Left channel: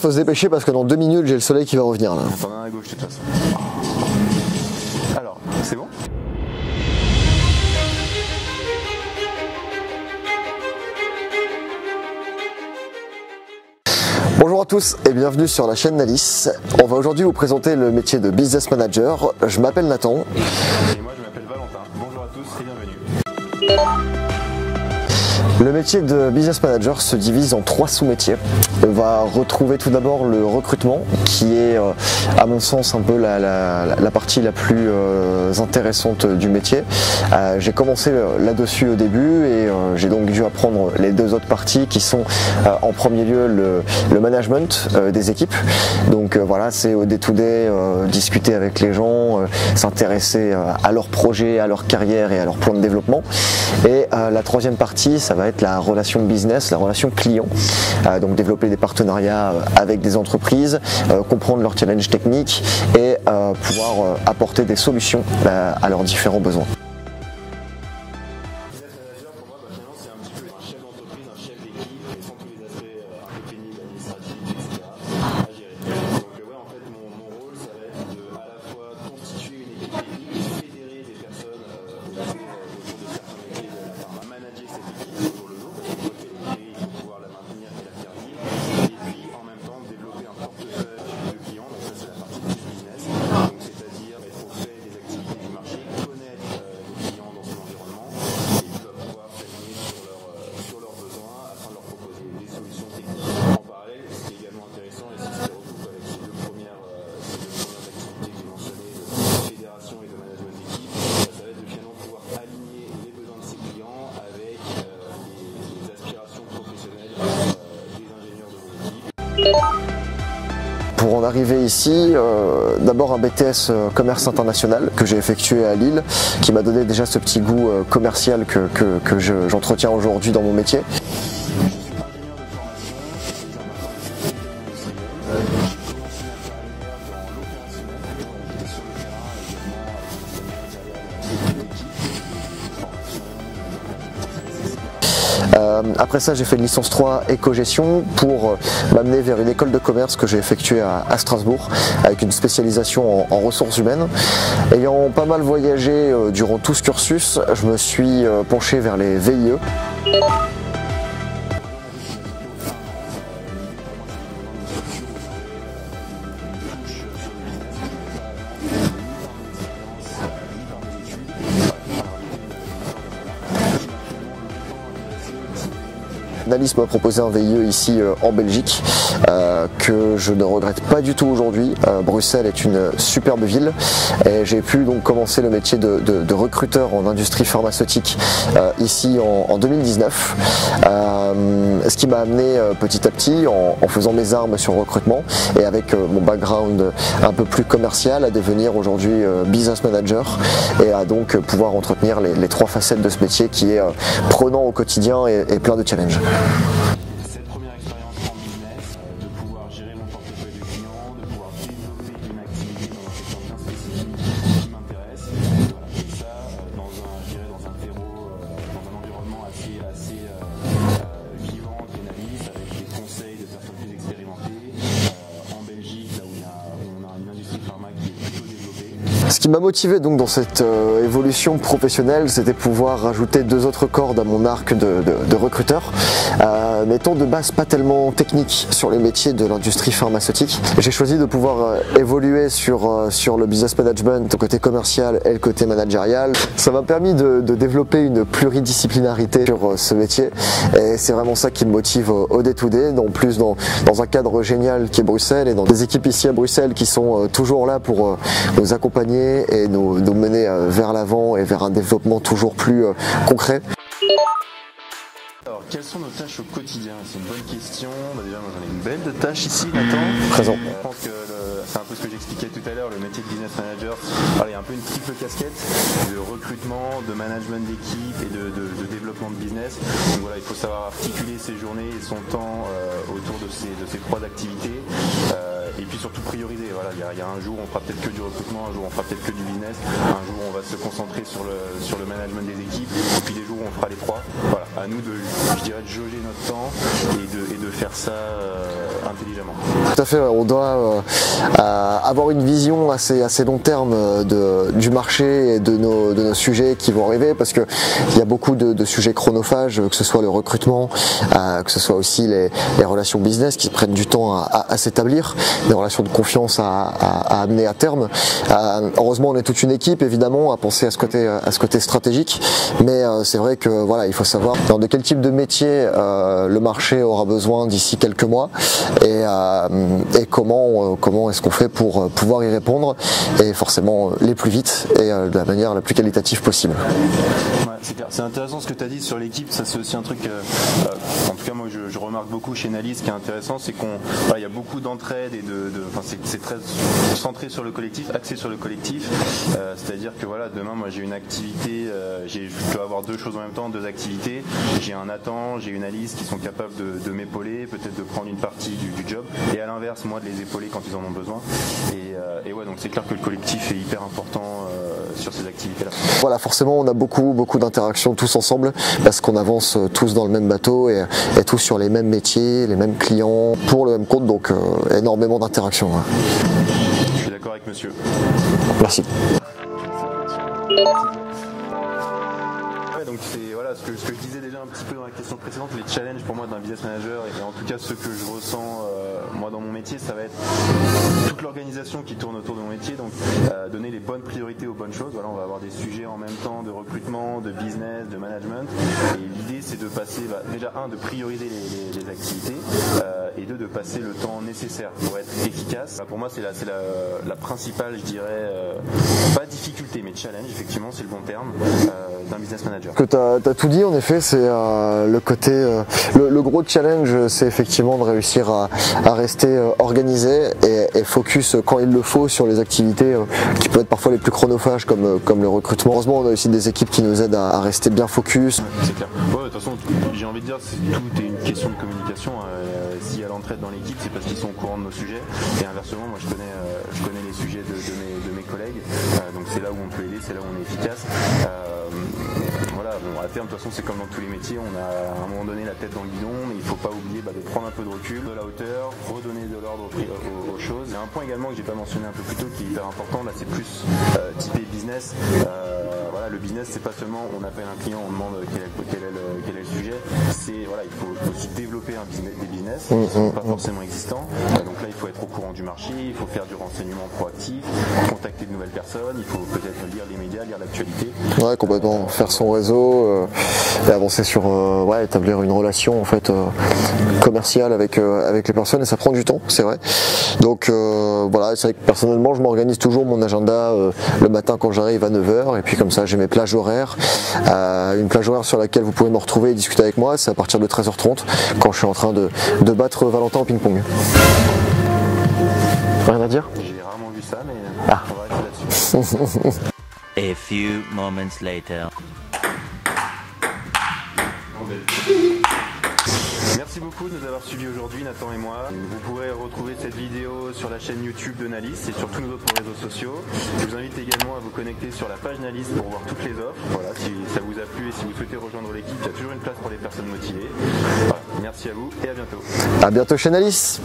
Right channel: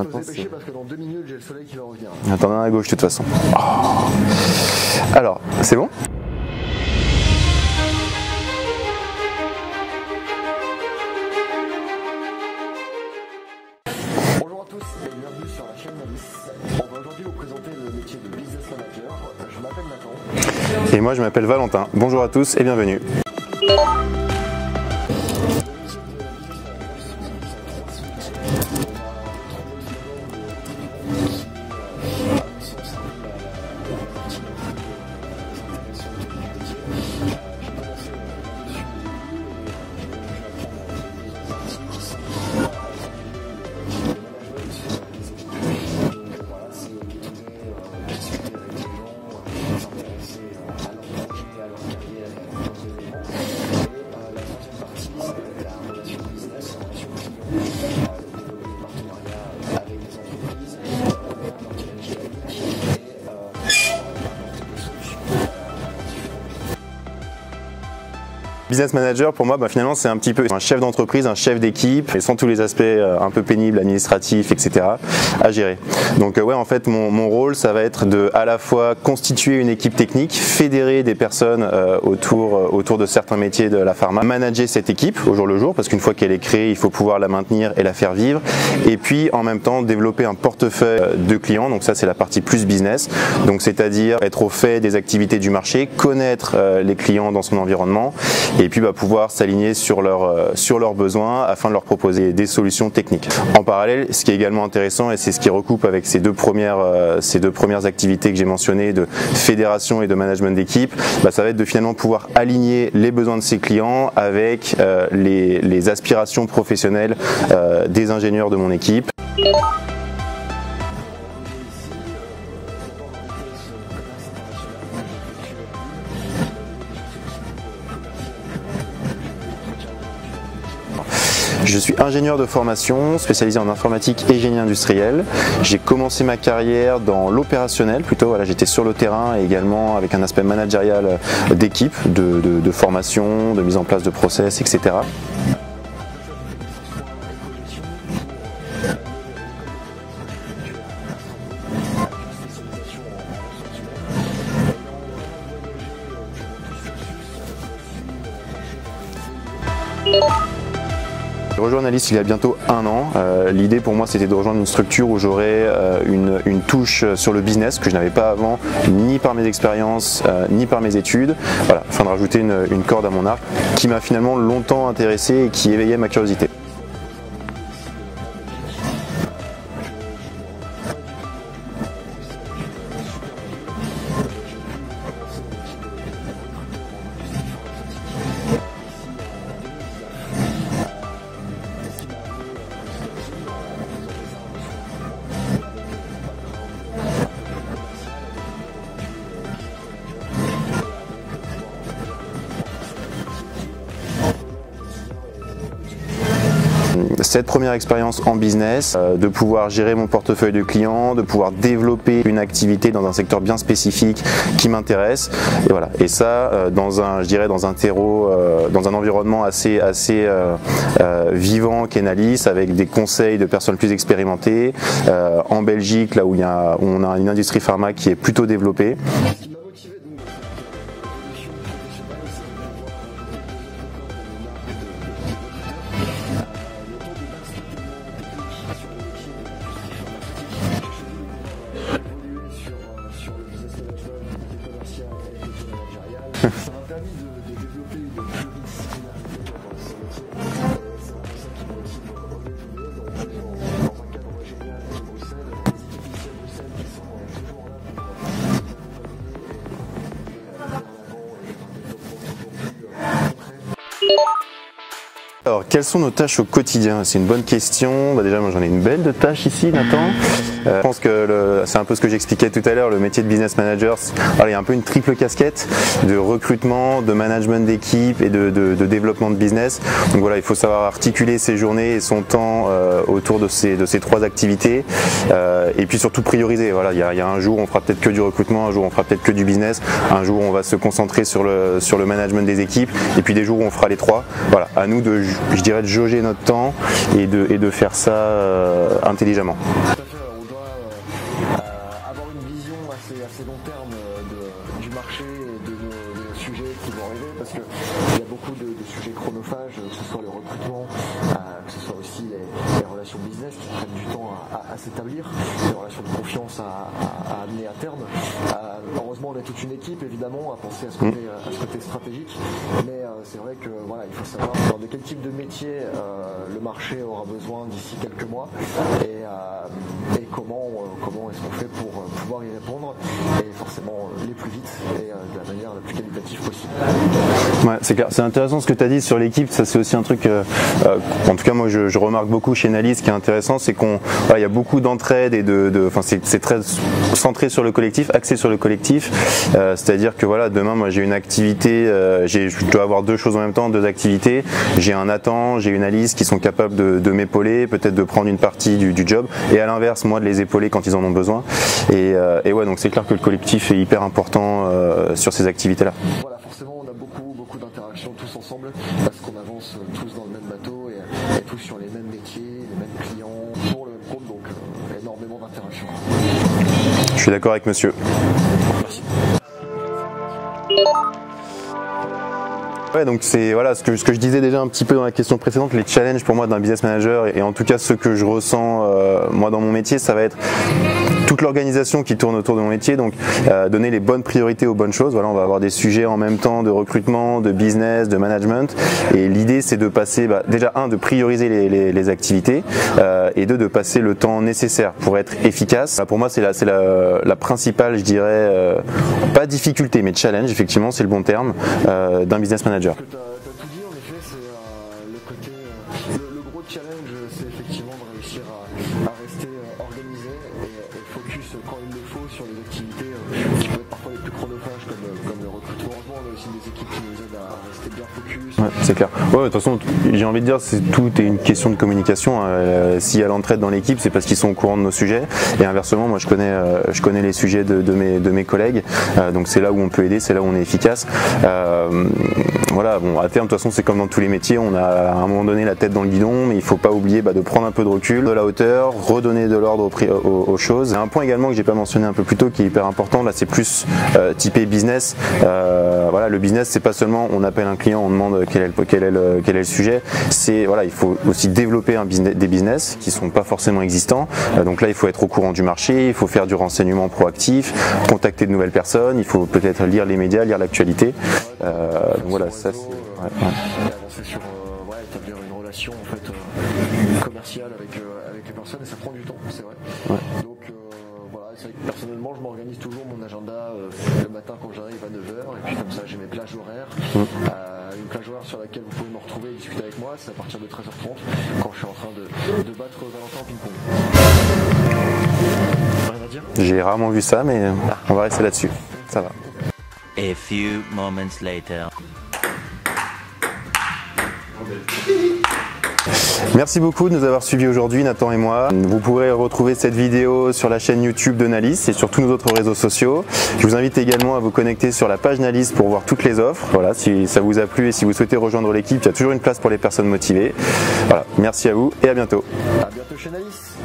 Faut se dépêcher parce que dans 2 minutes j'ai le soleil qui va revenir là. Attends, à gauche de toute façon. Oh. Alors, c'est bon? Bonjour à tous et bienvenue sur la chaîne Nalis. On va aujourd'hui vous présenter le métier de business manager. Je m'appelle Nathan. Et moi je m'appelle Valentin. Bonjour à tous et bienvenue. Le métier de business manager se divise en 3 sous-métiers. On va retrouver tout d'abord le recrutement qui est à mon sens un peu la partie la plus intéressante du métier. J'ai commencé là-dessus au début et j'ai donc dû apprendre les 2 autres parties qui sont en premier lieu le management des équipes. Donc voilà, c'est au day-to-day, discuter avec les gens, s'intéresser à leurs projets, à leur carrière et à leur plan de développement. Et la 3e partie, ça va être la relation business, la relation client, donc développer des partenariats avec des entreprises, comprendre leurs challenges techniques et pouvoir apporter des solutions à leurs différents besoins. Business manager, pour moi, finalement, c'est un petit peu un chef d'entreprise, un chef d'équipe, et sans tous les aspects un peu pénibles, administratifs, etc. à gérer. Donc ouais, en fait, mon rôle, ça va être de à la fois constituer une équipe technique, fédérer des personnes autour de certains métiers de la pharma, manager cette équipe au jour le jour, parce qu'une fois qu'elle est créée, il faut pouvoir la maintenir et la faire vivre, et puis en même temps développer un portefeuille de clients. Donc ça, c'est la partie plus business, donc c'est-à-dire être au fait des activités du marché, connaître les clients dans son environnement, et puis pouvoir s'aligner sur leurs besoins afin de leur proposer des solutions techniques. En parallèle, ce qui est également intéressant, et c'est ce qui recoupe avec ces deux premières activités que j'ai mentionnées de fédération et de management d'équipe, ça va être de finalement pouvoir aligner les besoins de ses clients avec les aspirations professionnelles des ingénieurs de mon équipe. Pour en arriver ici, d'abord un BTS commerce international que j'ai effectué à Lille, qui m'a donné déjà ce petit goût commercial que j'entretiens aujourd'hui dans mon métier. Je suis ingénieur de formation, spécialisé en informatique et génie industriel. J'ai commencé ma carrière dans l'opérationnel, plutôt voilà, j'étais sur le terrain et également avec un aspect managérial d'équipe, de formation, de mise en place de process, etc. Après ça, j'ai fait une licence 3 éco-gestion pour m'amener vers une école de commerce que j'ai effectuée à Strasbourg avec une spécialisation en ressources humaines. Ayant pas mal voyagé durant tout ce cursus, je me suis penché vers les VIE. J'ai rejoint Nalis il y a bientôt 1 an. L'idée pour moi, c'était de rejoindre une structure où j'aurais une touche sur le business que je n'avais pas avant, ni par mes expériences, ni par mes études. Voilà, afin de rajouter une corde à mon arc qui m'a finalement longtemps intéressé et qui éveillait ma curiosité. Nalis m'a proposé un VIE ici en Belgique que je ne regrette pas du tout aujourd'hui. Bruxelles est une superbe ville et j'ai pu donc commencer le métier de recruteur en industrie pharmaceutique ici en 2019. Ce qui m'a amené petit à petit, en faisant mes armes sur le recrutement et avec mon background un peu plus commercial, à devenir aujourd'hui business manager et à donc pouvoir entretenir les 3 facettes de ce métier qui est prenant au quotidien et plein de challenges. Cette première expérience en business, de pouvoir gérer mon portefeuille de clients, de pouvoir développer une activité dans un secteur bien spécifique qui m'intéresse, et voilà. Et ça, dans un terreau, dans un environnement assez vivant qu'est Nalis, avec des conseils de personnes plus expérimentées, en Belgique, là où on a une industrie pharma qui est plutôt développée. Ce qui m'a motivé donc dans cette évolution professionnelle, c'était pouvoir rajouter 2 autres cordes à mon arc de recruteur. N'étant de base pas tellement technique sur les métiers de l'industrie pharmaceutique, j'ai choisi de pouvoir évoluer sur le business management, le côté commercial et le côté managérial. Ça m'a permis de développer une pluridisciplinarité sur ce métier et c'est vraiment ça qui me motive au day-to-day, en plus dans un cadre génial qui est Bruxelles et dans des équipes ici à Bruxelles qui sont toujours là pour nous accompagner et nous mener vers l'avant et vers un développement toujours plus concret. Alors, quelles sont nos tâches au quotidien? C'est une bonne question. Déjà, moi, j'en ai une belle de tâches ici, Nathan. Je pense que c'est un peu ce que j'expliquais tout à l'heure, le métier de business manager. Alors, il y a un peu une triple casquette de recrutement, de management d'équipe et de développement de business. Donc voilà, il faut savoir articuler ses journées et son temps autour de ces 3 activités. Et puis surtout prioriser. Voilà, il y a un jour, on fera peut-être que du recrutement, un jour, on fera peut-être que du business, un jour, on va se concentrer sur le management des équipes, et puis des jours où on fera les 3. Voilà, à nous de je dirais, de jauger notre temps et de faire ça intelligemment. Tout à fait, on doit avoir une vision assez long terme du marché et de nos sujets qui vont arriver, parce qu'il y a beaucoup de sujets chronophages, que ce soit le recrutement, que ce soit aussi les relations business qui prennent du temps à s'établir, des relations de confiance à amener à terme. Heureusement, on est toute une équipe évidemment à penser à ce côté stratégique, mais c'est vrai que voilà, il faut savoir de quel type de métier le marché aura besoin d'ici quelques mois et comment est-ce qu'on fait pour pouvoir y répondre, et forcément les plus vite et de la manière la plus qualitative possible. Ouais, c'est clair. C'est intéressant ce que tu as dit sur l'équipe. Ça, c'est aussi un truc, en tout cas moi je remarque beaucoup chez Nalis. Ce qui est intéressant, c'est qu'il y a beaucoup d'entraide et c'est très centré sur le collectif, axé sur le collectif. C'est-à-dire que voilà, demain moi j'ai une activité, je dois avoir deux choses en même temps, deux activités. J'ai un Nathan, j'ai une Alice qui sont capables de m'épauler, peut-être de prendre une partie du job, et à l'inverse moi de les épauler quand ils en ont besoin. Et ouais, donc c'est clair que le collectif est hyper important sur ces activités-là. Voilà, forcément on a beaucoup d'interactions tous ensemble, parce qu'on avance tous dans le même bateau et tous sur les mêmes métiers, les mêmes clients, pour le même compte, donc énormément d'interactions. Je suis d'accord avec monsieur. Merci. Ouais, donc c'est voilà ce que je disais déjà un petit peu dans la question précédente, les challenges pour moi d'un business manager, et en tout cas ce que je ressens moi dans mon métier, ça va être toute l'organisation qui tourne autour de mon métier, donc donner les bonnes priorités aux bonnes choses. Voilà, on va avoir des sujets en même temps de recrutement, de business, de management, et l'idée c'est de passer déjà de prioriser les activités, et de passer le temps nécessaire pour être efficace. Pour moi c'est la principale, je dirais, pas difficulté mais challenge, effectivement c'est le bon terme, d'un business manager. Que tu as tout dit, en effet, c'est le côté, le gros challenge, c'est effectivement de réussir à rester organisé et focus quand il le faut sur les activités qui peuvent être parfois les plus chronophages comme le recrutement. Heureusement, on a aussi des équipes qui nous aident à rester bien focus. Ouais, c'est clair. Ouais, de toute façon, j'ai envie de dire, tout est une question de communication. S'il y a l'entraide dans l'équipe, c'est parce qu'ils sont au courant de nos sujets. Et inversement, moi, je connais les sujets de mes collègues. Donc c'est là où on peut aider, c'est là où on est efficace. Voilà, bon, à terme, de toute façon, c'est comme dans tous les métiers, on a à un moment donné la tête dans le guidon, mais il ne faut pas oublier de prendre un peu de recul, de la hauteur, redonner de l'ordre aux choses. Un point également que j'ai pas mentionné un peu plus tôt qui est hyper important, là c'est plus typé business. Voilà, le business, c'est pas seulement on appelle un client, on demande quel est le sujet, c'est voilà, il faut aussi développer des business qui sont pas forcément existants. Donc là, il faut être au courant du marché, il faut faire du renseignement proactif, contacter de nouvelles personnes, il faut peut-être lire les médias, lire l'actualité. Ouais, complètement. Faire son réseau et avancer sur établir une relation en fait commerciale avec les personnes, et ça prend du temps, c'est vrai. Donc voilà, c'est vrai que personnellement je m'organise toujours mon agenda le matin quand j'arrive à 9h, et puis comme ça j'ai mes plages horaires. Une plage horaire sur laquelle vous pouvez me retrouver et discuter avec moi, c'est à partir de 13h30 quand je suis en train de battre Valentin au ping-pong. Rien à dire ? J'ai rarement vu ça, mais on va rester là-dessus. A few moments later. Merci beaucoup de nous avoir suivis aujourd'hui, Nathan et moi. Vous pourrez retrouver cette vidéo sur la chaîne YouTube de Nalis et sur tous nos autres réseaux sociaux. Je vous invite également à vous connecter sur la page Nalis pour voir toutes les offres. Voilà, si ça vous a plu et si vous souhaitez rejoindre l'équipe, il y a toujours une place pour les personnes motivées. Voilà, merci à vous et à bientôt. À bientôt chez Nalis.